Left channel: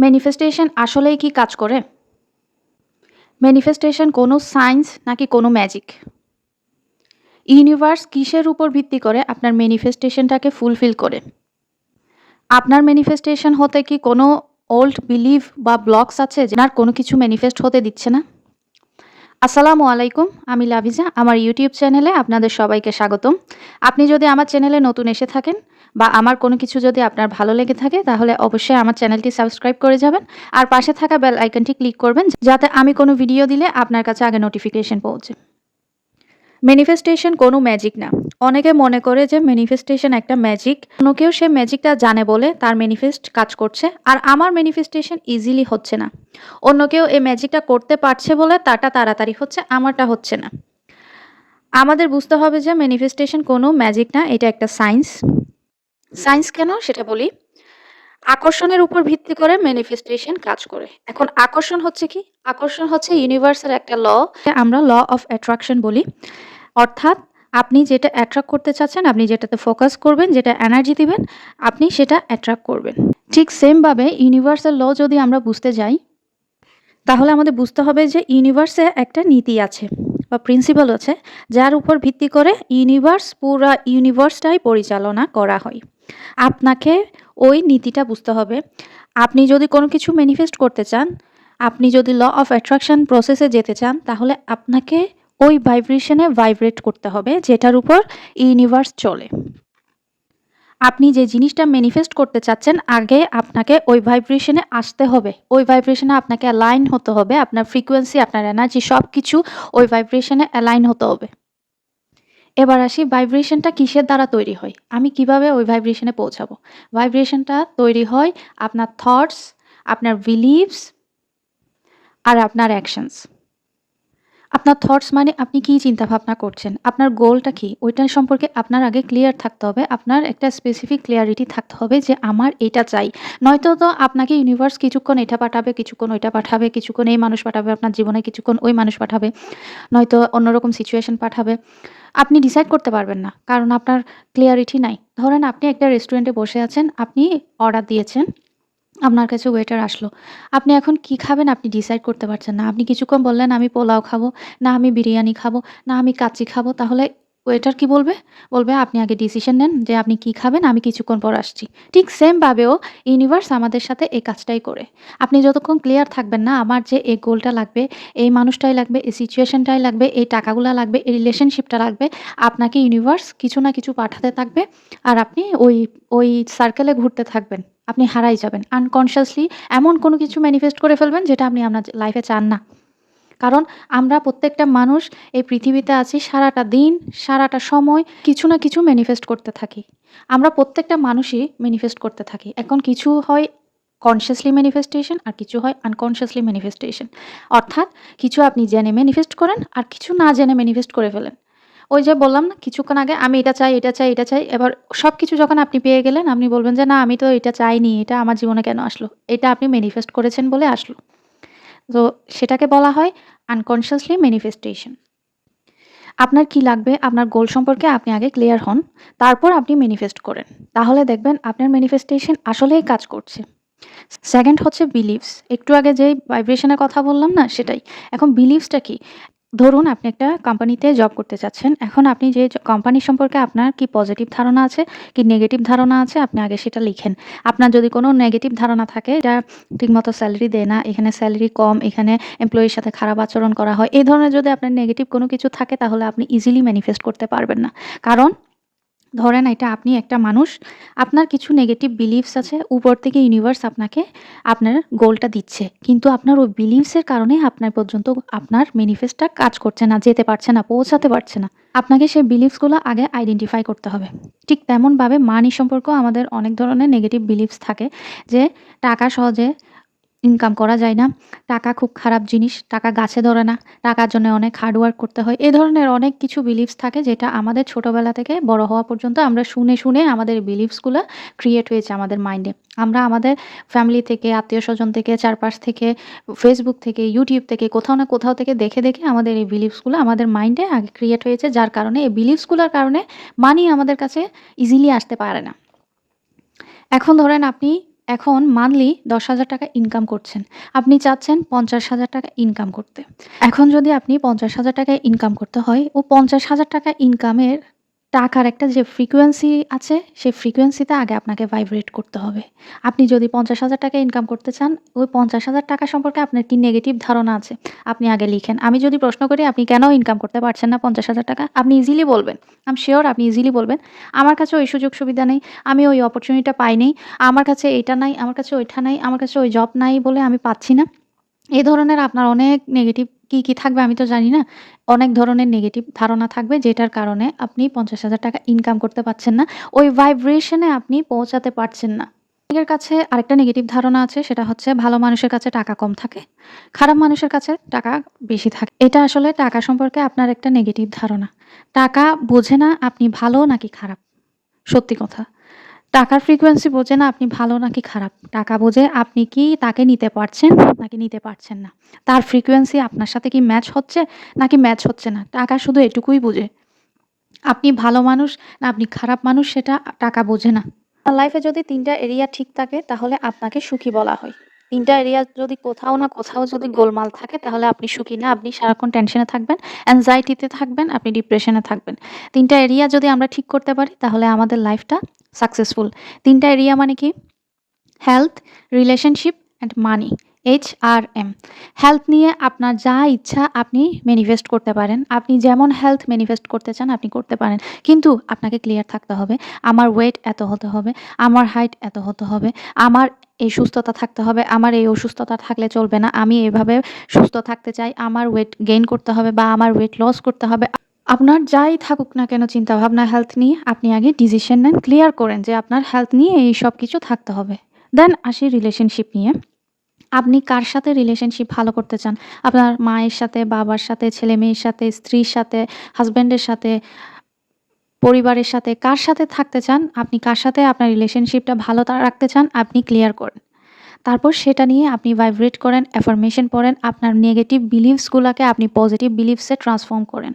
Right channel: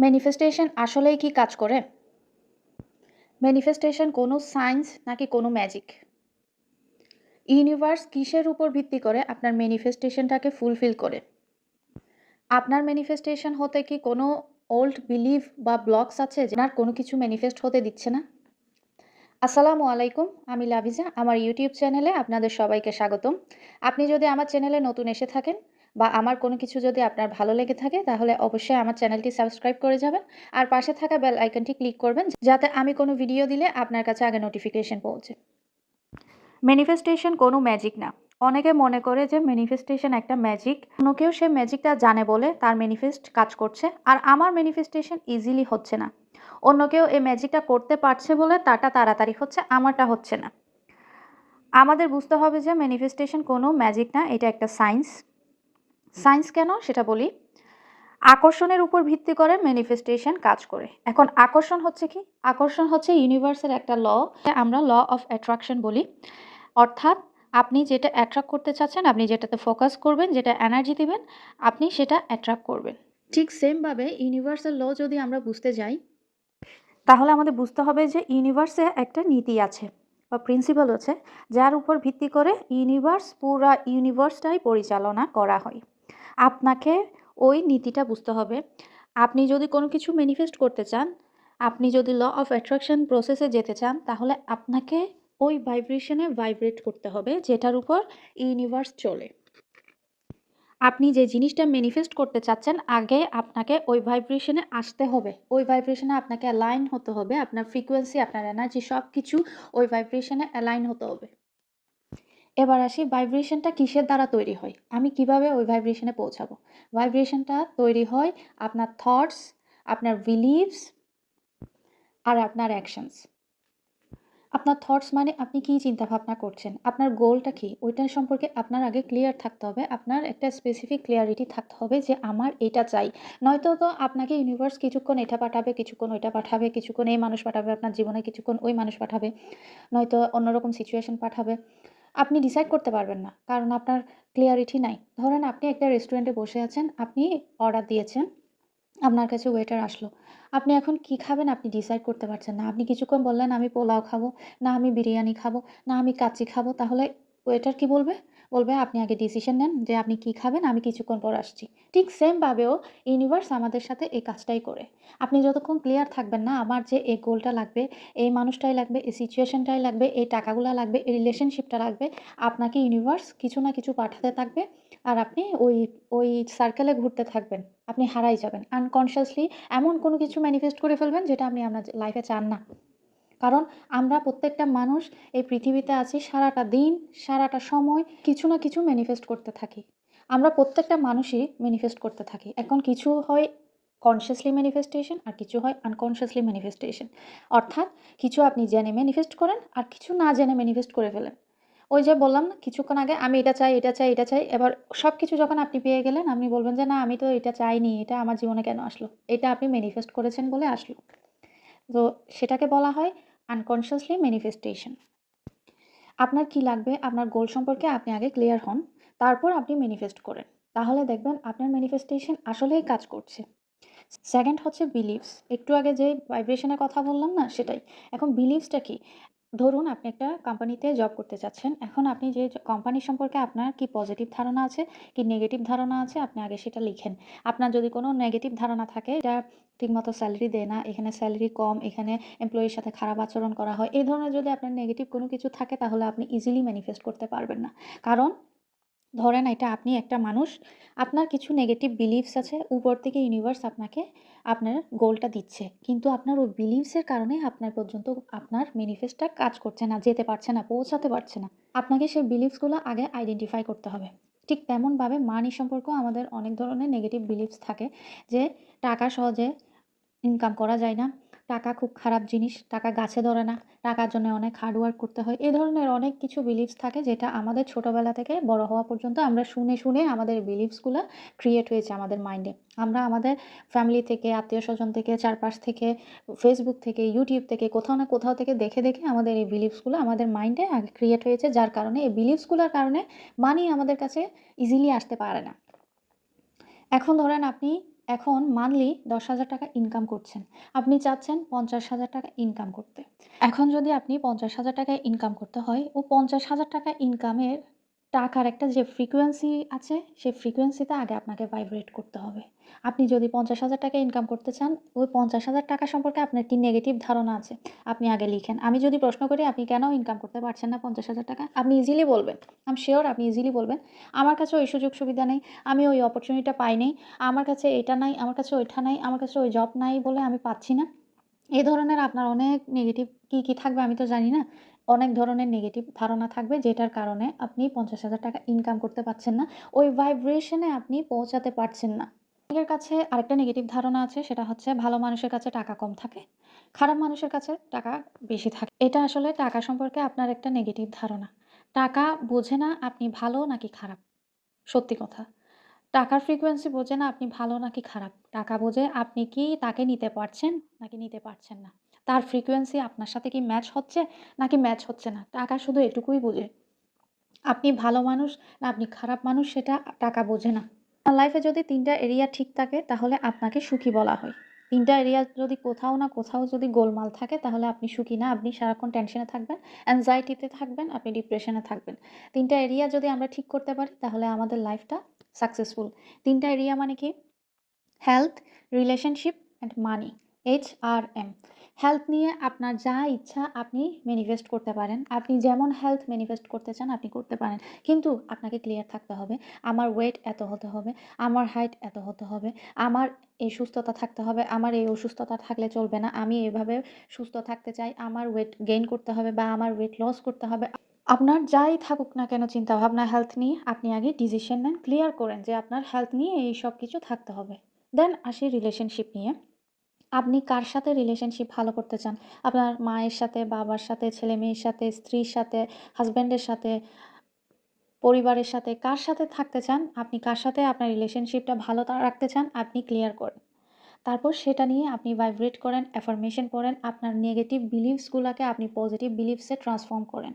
Manifestation আসলেই কি কাজ করে? ম্যানিফেস্টেশন কোনো সায়েন্স নাকি কোনো ম্যাজিক? ইউনিভার্স কিসের উপর ভিত্তি করে আপনার ম্যানিফেস্টেশনটাকে ফুলফিল করে? আপনার ম্যানিফেস্টেশন হতে কি কোনো ওল্ড বিলিভ বা ব্লকস আছে যে আপনার কোনো কিছু ম্যানিফেস্ট হতে দিচ্ছে না? আসসালামু আলাইকুম। আমি লাভিজা। আমার ইউটিউব চ্যানেলে আপনাদের সবাইকে স্বাগতম। আপনি যদি আমার চ্যানেলে নতুন এসে থাকেন বা আমার কোনো কিছু যদি আপনার ভালো লেগে থাকে তাহলে অবশ্যই আমার চ্যানেলটি সাবস্ক্রাইব করে যাবেন। আর পাশে থাকা বেল আইকনটি ক্লিক করবেন যাতে আমি কোনো ভিডিও দিলে আপনার কাছে আগে নোটিফিকেশন পৌঁছে। ম্যানিফেস্টেশন কোনো ম্যাজিক না। অনেকে মনে করে যে ম্যানিফেস্টেশন একটা ম্যাজিক। অন্য কেউ সে ম্যাজিকটা জানে বলে তার ম্যানিফেস্ট কাজ করছে। আর আমার ম্যানিফেস্টেশন ইজিলি হচ্ছে না। অন্য কেউ এই ম্যাজিকটা করতে পারছে বলে তারটা তাড়াতাড়ি হচ্ছে, আমারটা হচ্ছে না। আমাদের বুঝতে হবে যে ম্যানিফেস্টেশন কোনো ম্যাজিক না, এটা একটা সায়েন্স। সায়েন্স কেন সেটা বলি। আকর্ষণের উপর ভিত্তি করে ম্যানিফেস্টেশন কাজ করে। এখন আকর্ষণ হচ্ছে কি? আকর্ষণ হচ্ছে ইউনিভার্সের একটা ল, আমরা ল অফ অ্যাট্রাকশন বলি। অর্থাৎ আপনি যেটা অ্যাট্রাক্ট করতে চাচ্ছেন, আপনি যেটাতে ফোকাস করবেন, যেটা এনার্জি দিবেন, আপনি সেটা অ্যাট্রাক্ট করবেন। ঠিক সেমভাবে ইউনিভার্সাল ল যদি আমরা বুঝতে যাই, তাহলে আমাদের বুঝতে হবে যে ইউনিভার্সে একটা নীতি আছে বা প্রিন্সিপাল আছে, যার উপর ভিত্তি করে পুরা ইউনিভার্সটাই পরিচালনা করা হয়। আপনাকে ওই নীতিটা বুঝতে হবে। আপনি যদি কোনো কিছু ম্যানিফেস্ট করতে চান, আপনি যদি ল অফ অ্যাট্রাকশন প্রসেসে যেতে চান, তাহলে আপনাকে ওই ভাইব্রেশনে ভাইব্রেট করতে হবে যেটার উপর ইউনিভার্স চলে। আপনি যে জিনিসটা ম্যানিফেস্ট করতে চাচ্ছেন, আগে আপনাকে ওই ভাইব্রেশনে আসতে হবে। ওই ভাইব্রেশনে আপনাকে অ্যালাইন হতে হবে। আপনার ফ্রিকোয়েন্সি, আপনার এনার্জি সবকিছু ওই ভাইব্রেশনে অ্যালাইন হতে হবে। এবার আসি ভাইব্রেশনটা কিসের দ্বারা তৈরি হয়? আমি কিভাবে ওই ভাইব্রেশনে পৌঁছাবো? ভাইব্রেশনটা তৈরি হয় আপনার থটস, আপনার বিলিভস আর আপনার অ্যাকশনস। আপনার থটস মানে আপনি কি চিন্তাভাবনা করছেন? আপনার গোলটা কি? ওইটা সম্পর্কে আপনার আগে ক্লিয়ার থাকতে হবে। আপনার একটা স্পেসিফিক ক্লিয়ারিটি থাকতে হবে যে আমার এটা চাই। নয়তো তো আপনাকে ইউনিভার্স কিছুক্ষণ এটা পাঠাবে, কিছুক্ষণ ওইটা পাঠাবে, কিছুক্ষণ এই মানুষ পাঠাবে আপনার জীবনে, কিছুক্ষণ ওই মানুষ পাঠাবে। নয়তো অন্যরকম সিচুয়েশন পাঠাবে। আপনি ডিসাইড করতে পারবেন না। কারণ আপনার ক্লিয়ারিটি নাই। ধরেন আপনি একটা রেস্টুরেন্টে বসে আছেন, আপনি অর্ডার দিয়েছেন। আপনার কাছে ওয়েটার আসলো। আপনি এখন কি খাবেন আপনি ডিসাইড করতে পারছেন না। আপনি কিছুক্ষণ বললেন আমি পোলাও খাবো, না আমি বিরিয়ানি খাবো, না আমি কাচ্চি খাবো। তাহলে ওয়েটার কি বলবে? বলবে আপনি আগে ডিসিশন নেন যে আপনি কি খাবেন, আমি কিছুক্ষণ পর আসছি। ঠিক সেম ভাবেও ইউনিভার্স আমাদের সাথে এই কাজটাই করে। আপনি যতক্ষণ ক্লিয়ার থাকবেন না আমার যে এই গোলটা লাগবে, এই মানুষটাই লাগবে, এই সিচুয়েশনটাই লাগবে, এই টাকাগুলা লাগবে, এই রিলেশনশিপটা লাগবে, আপনাকে ইউনিভার্স কিছু না কিছু পাঠাতে থাকবে। আর আপনি ওই সার্কেলে ঘুরতে থাকবেন। আপনি হারাই যাবেন। আনকনসিয়াসলি এমন কোনো কিছু ম্যানিফেস্ট করে ফেলবেন যেটা আপনি আপনার লাইফে চান না। কারণ আমরা প্রত্যেকটা মানুষ এই পৃথিবীতে আছি সারাটা দিন, সারাটা সময় কিছু না কিছু ম্যানিফেস্ট করতে থাকি। আমরা প্রত্যেকটা মানুষই ম্যানিফেস্ট করতে থাকি। এখন কিছু হয় কনসিয়াসলি ম্যানিফেস্টেশন আর কিছু হয় আনকনসিয়াসলি ম্যানিফেস্টেশন। অর্থাৎ কিছু আপনি জেনে ম্যানিফেস্ট করেন আর কিছু না জেনে ম্যানিফেস্ট করে ফেলেন। ওই যে বললাম না কিছুক্ষণ আগে আমি এটা চাই, এটা চাই, এটা চাই। এবার সবকিছু যখন আপনি পেয়ে গেলেন আপনি বলবেন যে, "না আমি তো এটা চাইনি। এটা আমার জীবনে কেন আসলো?" এটা আপনি ম্যানিফেস্ট করেছেন বলে আসলো। তো সেটাকে বলা হয় আনকনসিয়াসলি ম্যানিফেস্টেশন। আপনার কি লাগবে, আপনার গোল সম্পর্কে আপনি আগে ক্লিয়ার হন। তারপর আপনি ম্যানিফেস্ট করেন। তাহলে দেখবেন আপনার ম্যানিফেস্টেশন আসলেই কাজ করছে। সেকেন্ড হচ্ছে বিলিভস। একটু আগে যেই ভাইব্রেশন এর কথা বললাম না সেটাই। এখন বিলিভসটা কি? ধরুন আপনি একটা কোম্পানিতে জব করতে চাচ্ছেন। এখন আপনি যে কোম্পানি সম্পর্কে আপনার কি পজিটিভ ধারণা আছে, কি নেগেটিভ ধারণা আছে আপনি আগে সেটা লিখেন। আপনার যদি কোনো নেগেটিভ ধারণা থাকে এটা ঠিকমতো সেলারি দেয় না, এখানে সেলারি কম, এখানে এমপ্লয়ির সাথে খারাপ আচরণ করা হয়। এই ধরনের যদি আপনার নেগেটিভ কোনো কিছু থাকে তাহলে আপনি ইজিলি ম্যানিফেস্ট করতে পারবেন না। কারণ ধরেন এটা আপনি একটা মানুষ, আপনার কিছু নেগেটিভ বিলিভস আছে, উপর থেকে ইউনিভার্স আপনাকে আপনার গোলটা দিচ্ছে। কিন্তু আপনার ওই বিলিভস এর কারণে আপনার পর্যন্ত আপনার ম্যানিফেস্টটা কাজ করছে না, যেতে পারছে না, পৌঁছাতে পারছে না। আপনাকে সেই বিলিভস গুলো আগে আইডেন্টিফাই করতে হবে। ঠিক তেমনভাবে মানি সম্পর্কেও আমাদের অনেক ধরনের নেগেটিভ বিলিভস থাকে যে টাকা সহজে ইনকাম করা যায় না। টাকা খুব খারাপ জিনিস, টাকা গাছে ধরে না, টাকার জন্য অনেক হার্ড ওয়ার্ক করতে হয়। এ ধরনের অনেক কিছু বিলিভস থাকে যেটা আমাদের ছোটবেলা থেকে বড় হওয়া পর্যন্ত আমরা শুনে, শুনে আমাদের এই বিলিভসগুলা ক্রিয়েট হয়েছে আমাদের মাইন্ডে। আমরা আমাদের ফ্যামিলি থেকে, আত্মীয়স্বজন থেকে, চারপাশ থেকে, Facebook থেকে, YouTube থেকে কোথাও না কোথাও থেকে দেখে, দেখে আমাদের এই বিলিভসগুলো আমাদের মাইন্ডে আগে ক্রিয়েট হয়েছে। যার কারণে এই বিলিভসগুলোর কারণে মানি আমাদের কাছে ইজিলি আসতে পারে না। এখন ধরেন আপনি এখন মান্থলি ১০,০০০ টাকা ইনকাম করছেন। আপনি চাচ্ছেন ৫০,০০০ টাকা ইনকাম করতে। এখন যদি আপনি ৫০,০০০ টাকা ইনকাম করতে হয়, ও ৫০,০০০ টাকা ইনকামের টাকার একটা যে ফ্রিকোয়েন্সি আছে, সেই ফ্রিকোয়েন্সিতে আগে আপনাকে ভাইব্রেট করতে হবে। আপনি যদি ৫০,০০০ টাকা ইনকাম করতে চান, ওই ৫০,০০০ টাকা সম্পর্কে আপনার কি নেগেটিভ ধারণা আছে? আপনি আগে লিখেন। আমি যদি প্রশ্ন করি আপনি কেন ইনকাম করতে পারছেন না ৫০,০০০ টাকা? আপনি ইজিলি বলবেন। আই এম সিউর আপনি ইজিলি বলবেন, "আমার কাছে ওই সুযোগ সুবিধা নেই, আমি ওই অপরচুনিটিটা পাইনি, আমার কাছে এটা নাই, আমার কাছে ওইটা নাই, আমার কাছে ওই জব নাই বলে আমি পাচ্ছি না।" এ ধরনের আপনার অনেক নেগেটিভ কি থাকবে আমি তো জানি না। অনেক ধরনের নেগেটিভ ধারণা থাকবে যেটার কারণে আপনি ৫০,০০০ টাকা ইনকাম করতে পারছেন না। ওই ভাইব্রেশন এ আপনি পৌঁছাতে পারছেন না। অনেকের কাছে আরেকটা নেগেটিভ ধারণা আছে, সেটা হচ্ছে ভালো মানুষের কাছে টাকা কম থাকে, খারাপ মানুষের কাছে টাকা বেশি থাকে। এটা আসলে টাকা সম্পর্কে আপনার একটা নেগেটিভ ধারণা। টাকা বোঝে না আপনি ভালো নাকি খারাপ। সত্যি কথা। টাকার ফ্রিকোয়েন্সি বোঝে না আপনি ভালো নাকি খারাপ। টাকা বোঝে আপনি কি তাকে নিতে পারছেন নাকি নিতে পারছেন না। তার ফ্রিকোয়েন্সি আপনার সাথে কি ম্যাচ হচ্ছে নাকি ম্যাচ হচ্ছে না। টাকা শুধু এটুকুই বোঝে। আপনি ভালো মানুষ না আপনি খারাপ মানুষ সেটা টাকা বোঝে না। আপনার লাইফে যদি ৩ টা এরিয়া ঠিক থাকে তাহলে আপনাকে সুখী বলা হয়। ৩ টা এরিয়া যদি কোথাও না কোথাও যদি গোলমাল থাকে তাহলে আপনি সুখী না। আপনি সারাক্ষণ টেনশনে থাকবেন, anxiety তে থাকবেন, আপনি ডিপ্রেশনে থাকবেন। ৩ টা এরিয়া যদি আমরা ঠিক করতে পারি তাহলে আমাদের লাইফটা সাকসেসফুল। ৩ টা এরিয়া মানে কি? Health, relationship and money. HRM। Health নিয়ে আপনার যা ইচ্ছা আপনি ম্যানিফেস্ট করতে পারেন। আপনি যেমন হেলথ ম্যানিফেস্ট করতে চান আপনি করতে পারেন। কিন্তু আপনাকে ক্লিয়ার থাকতে হবে, আমার ওয়েট এত হতে হবে, আমার হাইট এত হতে হবে, আমার এই সুস্থতা থাকতে হবে, আমার এই অসুস্থতা থাকলে চলবে না। আমি এভাবে সুস্থ থাকতে চাই, আমার ওয়েট গেইন করতে হবে বা আমার ওয়েট লস করতে হবে। আপনার যাই থাকুক না কেন চিন্তাভাবনা হেলথ নিয়ে আপনি আগে ডিসিশন নেন, ক্লিয়ার করেন যে আপনার হেলথ নিয়ে এই সব কিছু থাকতে হবে। দেন আসি রিলেশনশিপ নিয়ে। আপনি কার সাথে রিলেশনশিপ ভালো করতে চান? আপনার মায়ের সাথে, বাবার সাথে, ছেলে-মেয়ের সাথে, স্ত্রীর সাথে, হাসব্যান্ডের সাথে, পরিবারের সাথে, কার সাথে থাকতে চান? আপনি কার সাথে আপনার রিলেশনশিপটা ভালো রাখতে চান আপনি ক্লিয়ার করেন। তারপর সেটা নিয়ে আপনি ভাইব্রেট করেন, অ্যাফার্মেশন পড়েন, আপনার নেগেটিভ বিলিভস গুলাকে আপনি পজিটিভ বিলিভস এ ট্রান্সফর্ম করেন।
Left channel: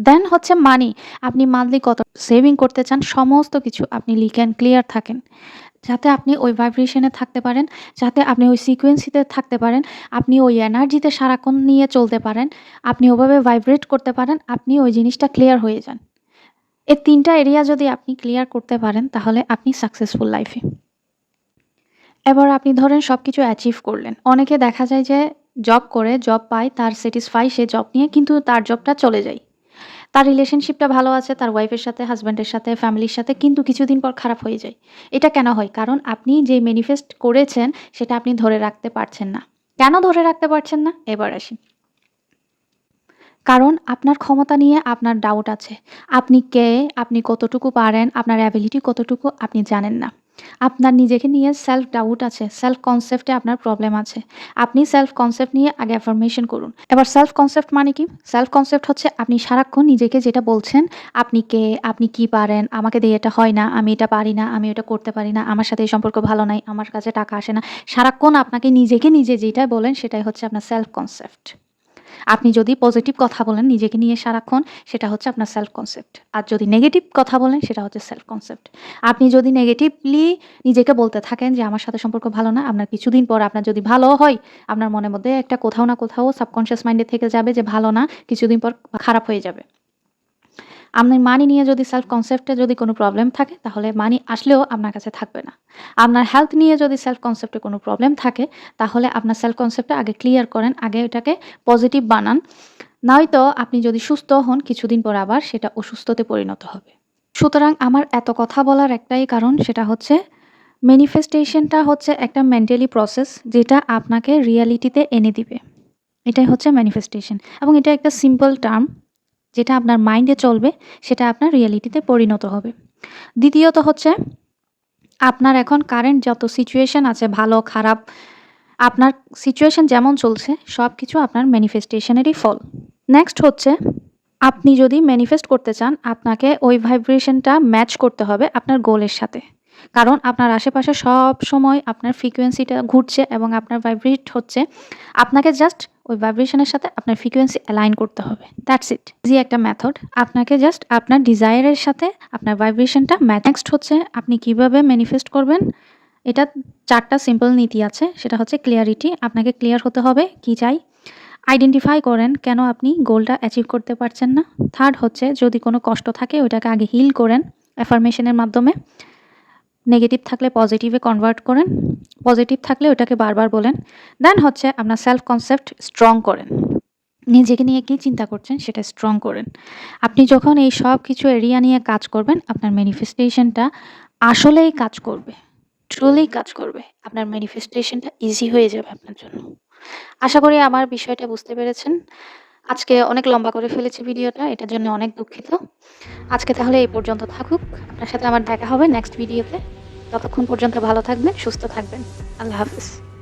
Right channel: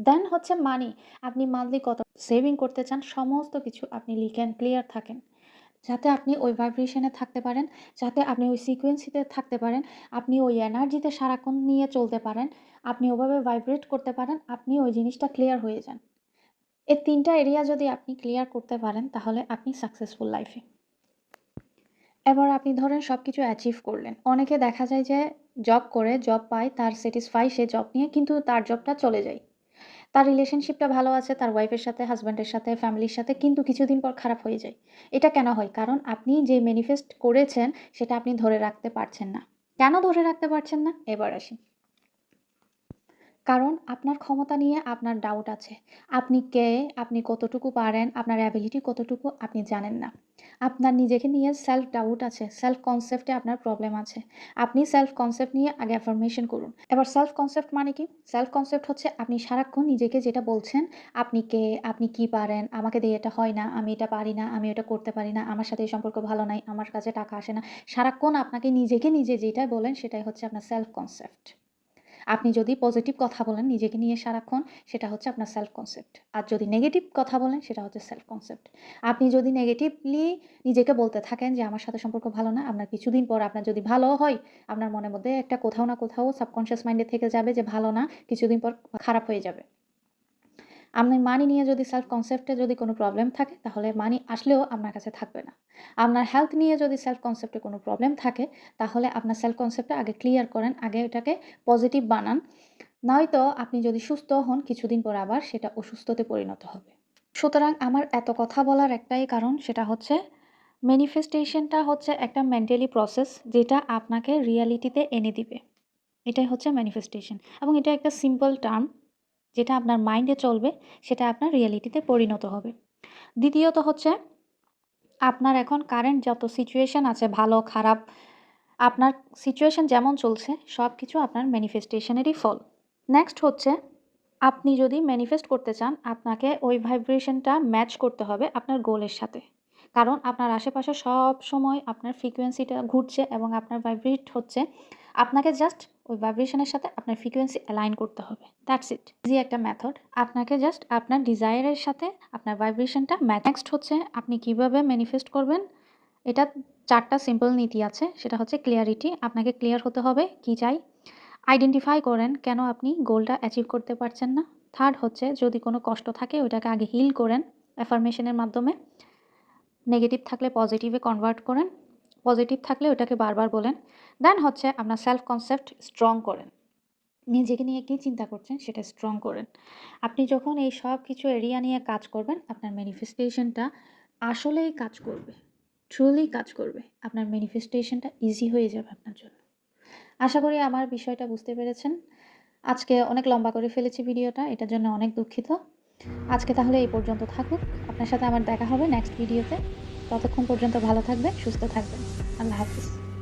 দেন হচ্ছে মানি। আপনি মান্থলি কত সেভিং করতে চান সমস্ত কিছু আপনি লিখেন, ক্লিয়ার থাকেন। যাতে আপনি ওই ভাইব্রেশন এ থাকতে পারেন, যাতে আপনি ওই সিকোয়েন্সিতে থাকতে পারেন, আপনি ওই এনার্জিতে সারাক্ষণ নিয়ে চলতে পারেন, আপনি ওভাবে ভাইব্রেট করতে পারেন, আপনি ওই জিনিসটা ক্লিয়ার হয়ে যান। এই ৩ টা এরিয়া যদি আপনি ক্লিয়ার করতে পারেন তাহলে আপনি সাকসেসফুল লাইফে। এবার আপনি ধরেন সবকিছু অ্যাচিভ করলেন। অনেকে দেখা যায় যে জব করে, জব পায়, তার স্যাটিসফাই সে জব নিয়ে কিন্তু তার জবটা চলে যায়। তার রিলেশনশিপটা ভালো আছে তার ওয়াইফের সাথে, হাসব্যান্ডের সাথে, ফ্যামিলির সাথে কিন্তু কিছুদিন পর খারাপ হয়ে যায়। এটা কেন হয়? কারণ আপনি যে ম্যানিফেস্ট করেছেন সেটা আপনি ধরে রাখতে পারছেন না। কেন ধরে রাখতে পারছেন না? এবার আসি। কারণ আপনার ক্ষমতা নিয়ে আপনার ডাউট আছে। আপনি কে? আপনি কতটুকু পারেন? আপনার অ্যাবিলিটি কতটুকু আপনি জানেন না। আপনার নিজেকে নিয়ে সেলফ ডাউট আছে। সেলফ কনসেপ্ট এ আপনার প্রবলেম আছে। আপনি সেলফ কনসেপ্ট নিয়ে আগে অ্যাফার্মেশন করুন। এবার সেলফ কনসেপ্ট মানে কি? সেলফ কনসেপ্ট হচ্ছে আপনি সারাক্ষণ নিজেকে যেটা বলছেন, আপনি কে? আপনি কি পারেন? আমাকে দিয়ে এটা হয় না, আমি এটা পারি না, আমি এটা করতে পারি না, আমার সাথে এই সম্পর্ক ভালো নাই, আমার কাছে টাকা আসে না। সারাক্ষণ আপনাকে নিজেকে নিজে যেটা বলেন সেটাই হচ্ছে আপনার সেলফ কনসেপ্ট। আপনি যদি পজিটিভ কথা বলেন নিজেকে নিয়ে সারাক্ষণ সেটা হচ্ছে আপনার সেলফ কনসেপ্ট। আর যদি নেগেটিভ কথা বলেন সেটা হচ্ছে সেলফ কনসেপ্ট। আপনি যদি নেগেটিভলি নিজেকে বলতে থাকেন যে আমার সাথে সম্পর্ক ভালো না, আপনার কিছুদিন পর আপনার যদি ভালোও হয়, আপনার মনের মধ্যে একটা কোথাও না কোথাও সাবকন্সিয়াস মাইন্ডে থেকে যাবে যে ভালো না, কিছুদিন পর খারাপ হয়ে যাবে। আপনার মানি নিয়ে যদি সেলফ কনসেপ্টে যদি কোনো প্রবলেম থাকে তাহলে মানি আসলেও আপনার কাছে থাকবে না। আপনার হেলথ নিয়ে যদি সেলফ কনসেপ্টে কোনো প্রবলেম থাকে তাহলে আপনার সেলফ কনসেপ্টটা আগে ক্লিয়ার করেন, আগে এটাকে পজিটিভ বানান। নয়তো আপনি যদি সুস্থ হন কিছুদিন পর আবার সেটা অসুস্থতে পরিণত হবে। সুতরাং আমার এত কথা বলার একটাই কারণ সেটা হচ্ছে ম্যানিফেস্টেশনটা হচ্ছে একটা মেন্টালি প্রসেস যেটা আপনাকে রিয়ালিটিতে এনে দিবে। এটাই হচ্ছে ম্যানিফেস্টেশন এবং এটা একটা সিম্পল টার্ম যেটা আপনার মাইন্ডে চলবে সেটা আপনার রিয়ালিটিতে পরিণত হবে। দ্বিতীয়ত হচ্ছে আপনার এখন কারেন্ট যত সিচুয়েশন আছে ভালো খারাপ, আপনার সিচুয়েশন যেমন চলছে সবকিছু আপনার ম্যানিফেস্টেশনেরই ফল। নেক্সট হচ্ছে আপনি যদি ম্যানিফেস্ট করতে চান আপনাকে ওই ভাইব্রেশনটা ম্যাচ করতে হবে আপনার গোলের সাথে। কারণ আপনার আশেপাশে সবসময় আপনার ফ্রিকোয়েন্সিটা ঘুরছে এবং আপনার ভাইব্রেট হচ্ছে। আপনাকে জাস্ট ওই ভাইব্রেশনের সাথে আপনার ফ্রিকোয়েন্সি অ্যালাইন করতে হবে। That's it. ইজি একটা মেথড। আপনাকে জাস্ট আপনার ডিজায়ারের সাথে আপনার ভাইব্রেশনটা ম্যাচ। নেক্সট হচ্ছে আপনি কিভাবে ম্যানিফেস্ট করবেন এটা ৪ টা সিম্পল নীতি আছে। সেটা হচ্ছে ক্লিয়ারিটি। আপনাকে ক্লিয়ার হতে হবে কি চাই। আইডেন্টিফাই করেন কেন আপনি গোলটা অ্যাচিভ করতে পারছেন না। 3rd হচ্ছে যদি কোনো কষ্ট থাকে ওইটাকে আগে হিল করেন অ্যাফার্মেশন এর মাধ্যমে। নেগেটিভ থাকলে পজিটিভে কনভার্ট করেন। পজিটিভ থাকলে ওটাকে বারবার বলেন। দেন হচ্ছে আপনার সেলফ কনসেপ্ট স্ট্রং করেন। নিজেকে নিয়ে কি চিন্তা করছেন সেটা স্ট্রং করেন। আপনি যখন এই সব কিছু এরিয়া নিয়ে কাজ করবেন, আপনার ম্যানিফেস্টেশনটা আসলেই কাজ করবে। ট্রুলি কাজ করবে। আপনার ম্যানিফেস্টেশনটা ইজি হয়ে যাবে আপনার জন্য। আশা করি আমার বিষয়টা বুঝতে পেরেছেন। আজকে অনেক লম্বা করে ফেলেছি ভিডিওটা। এটার জন্য অনেক দুঃখিত। আজকে তাহলে এই পর্যন্ত থাকুক। আপনার সাথে আমার দেখা হবে নেক্সট ভিডিওতে। ততক্ষণ পর্যন্ত ভালো থাকবেন, সুস্থ থাকবেন। আল্লাহ হাফিজ।